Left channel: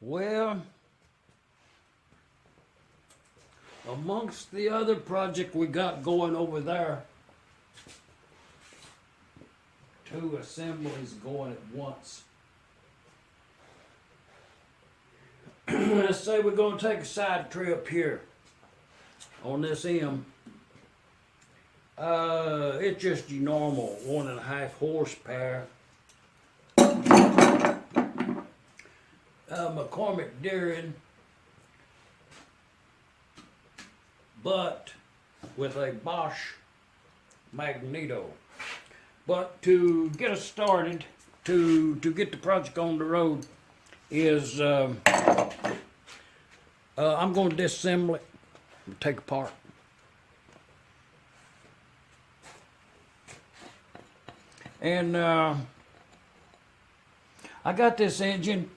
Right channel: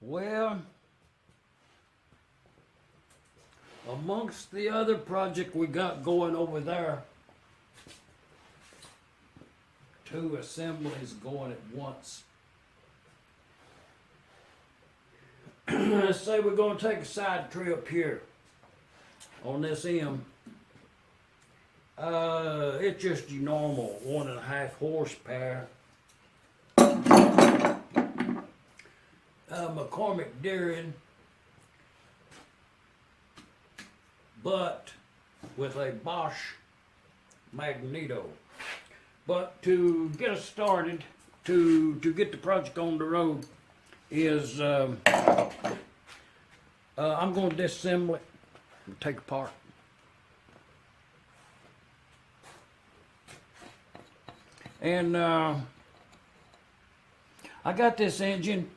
Well, amongst the other project we got going over there, 2 assemblies going at once. Let's say we're going to take a side trip here on this M. It's just your normal 1.5 horsepower. McCormick-Deering, but with a Bosch Magneto. But to get us started, to get the project on the road, is I'm going to disassemble it and take it apart. And I got this engine.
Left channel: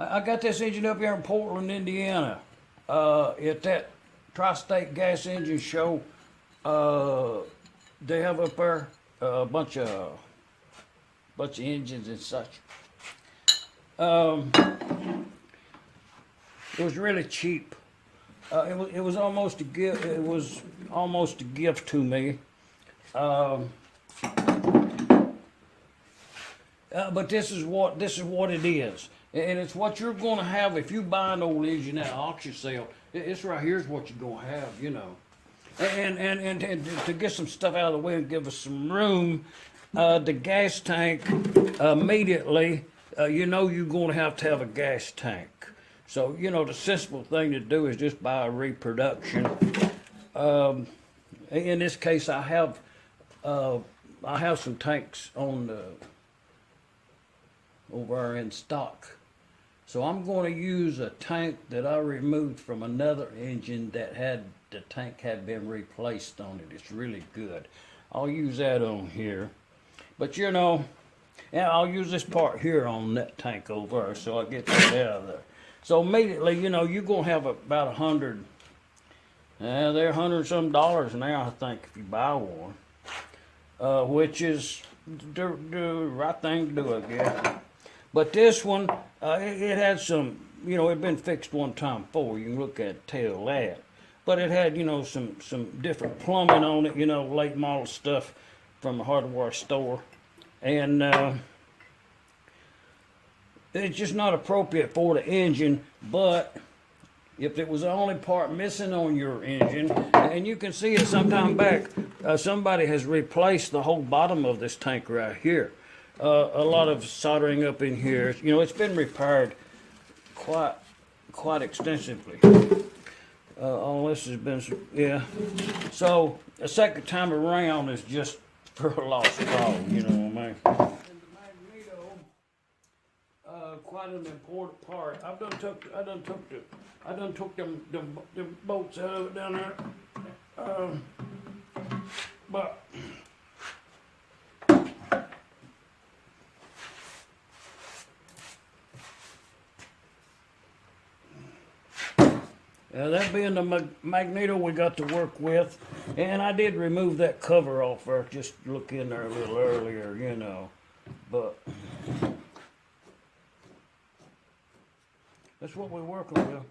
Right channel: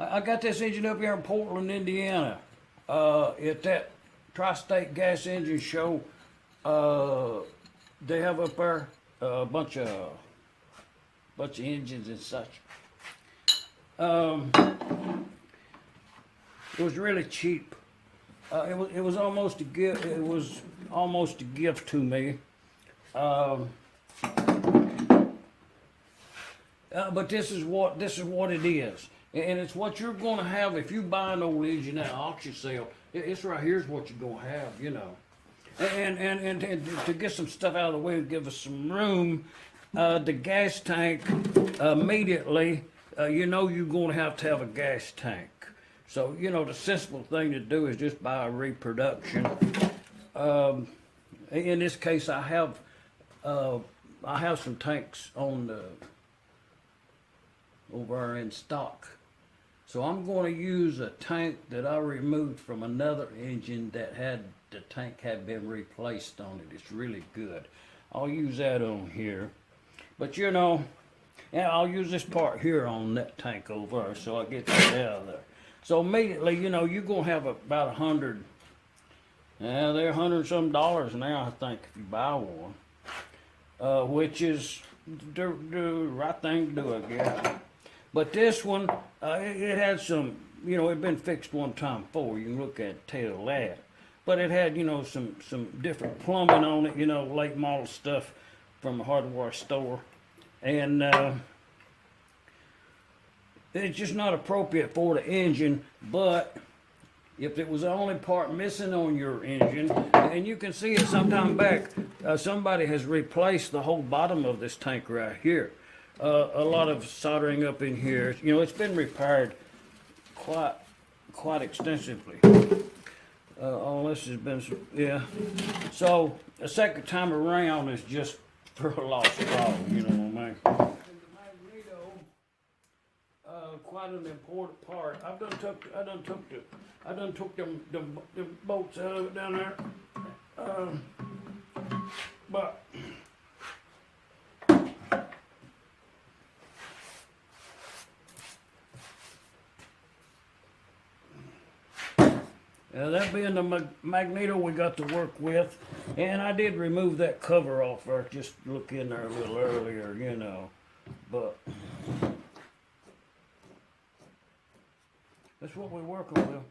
I got this engine up here in Portland, Indiana. At that Tri-State Gas Engine Show, they have up there a bunch of engines and such. It was really cheap. It was almost a gift. It was almost a gift to me. But this is what it is, and it's what you're going to have if you buy an old engine at auction sale. It's right here's what you're going to have, you know. And to get some stuff out of the way and give us some room, the gas tank immediately. You know you're going to have a gas tank. So you know the sensible thing to do is just buy a reproduction. In this case, I have some tanks on the over in stock. So I'm going to use a tank that I removed from another engine that the tank had been replaced on it. It's really good. I'll use that on here. But you know, yeah, I'll use this part here on that tank over there, so I get that out of there. So immediately, you know, you're going to have about 100. Yeah, they're $100 some now, I think, if you buy one. Which is the right thing to do, I guess. But this one, it had some, you know, it had been fixed one time before. You can look at tell that. But it had, you know, some different plumbing on it, you know, late model stuff from a hardware store. And it's just not appropriate for the engine. But if it was the only part missing on your engine, and you can see it sometime back, somebody has replaced the whole bottom of this tank right here. A lot of soldering up in here. You know, it's been repaired quite extensively. All this has been, yeah. So the second time around is just for a lost cause, you know what I mean? And the Magneto, quite an important part. I done took them bolts out of it down there. But that being the Magneto we got to work with, and I did remove that cover off there, just look in there a little earlier, you know, but that's what we're working with.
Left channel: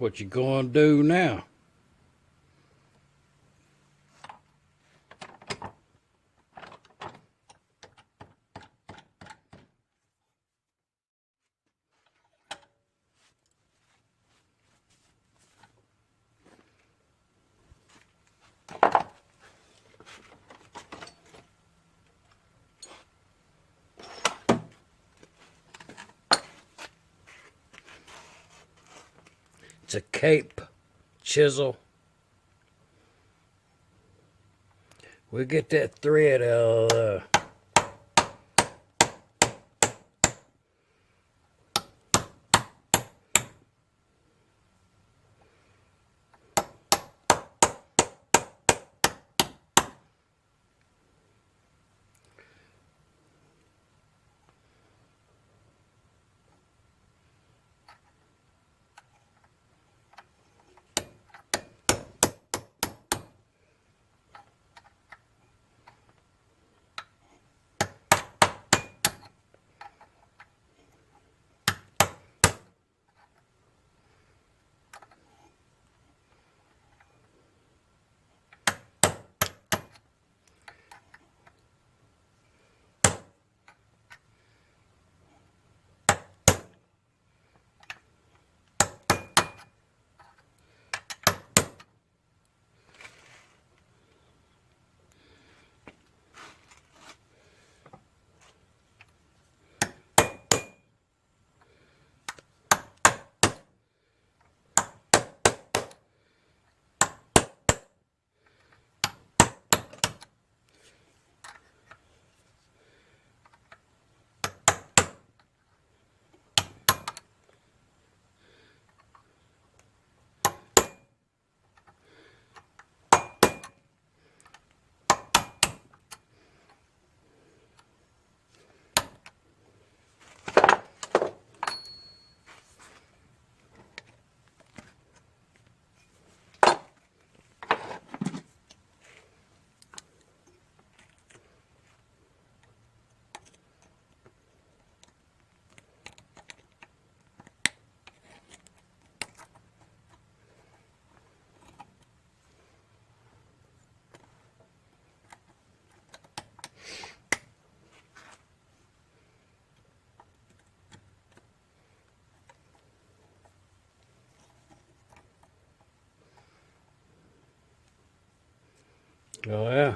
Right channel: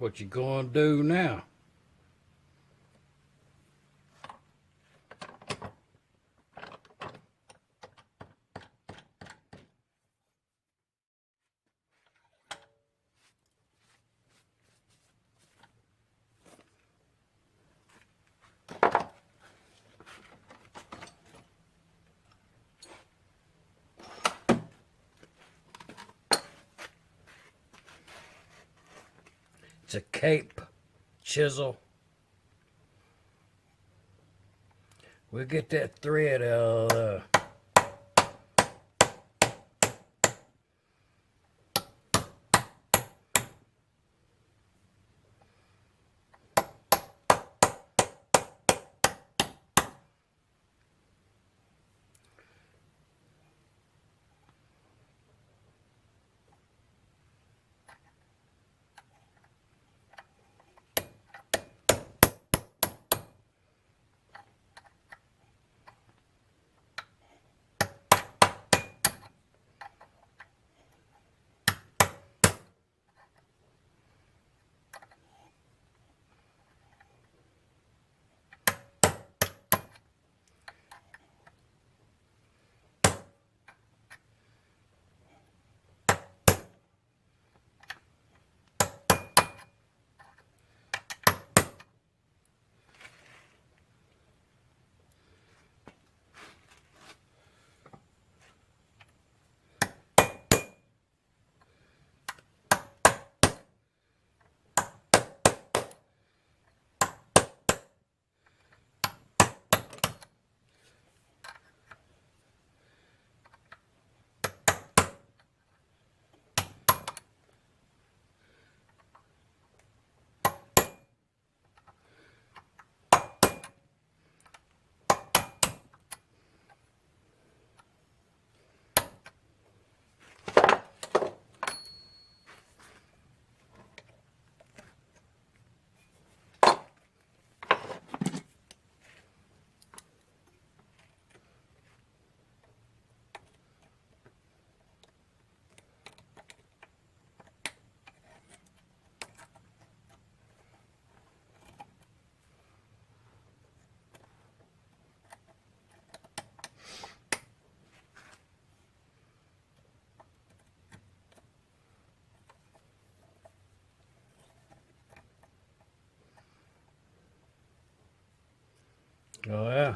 What you gonna do now? It's a cape-chisel. We'll get that thread out of there. Oh yeah.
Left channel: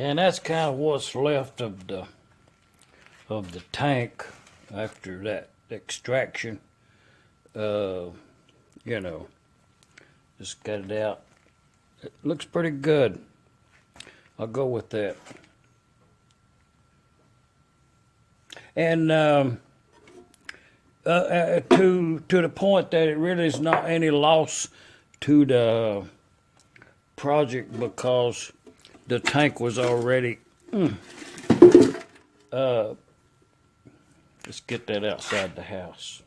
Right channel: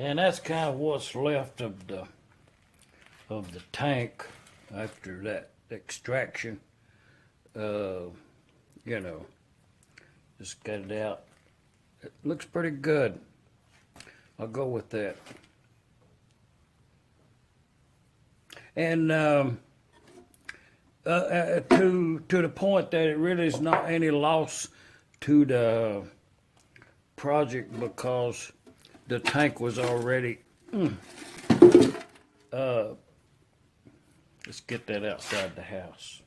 And that's kind of what's left of the tank after that extraction. You know, just got it out. It looks pretty good. I'll go with that. And to the point that it really is not any loss to the project, because the tank was already let's get that outside the house.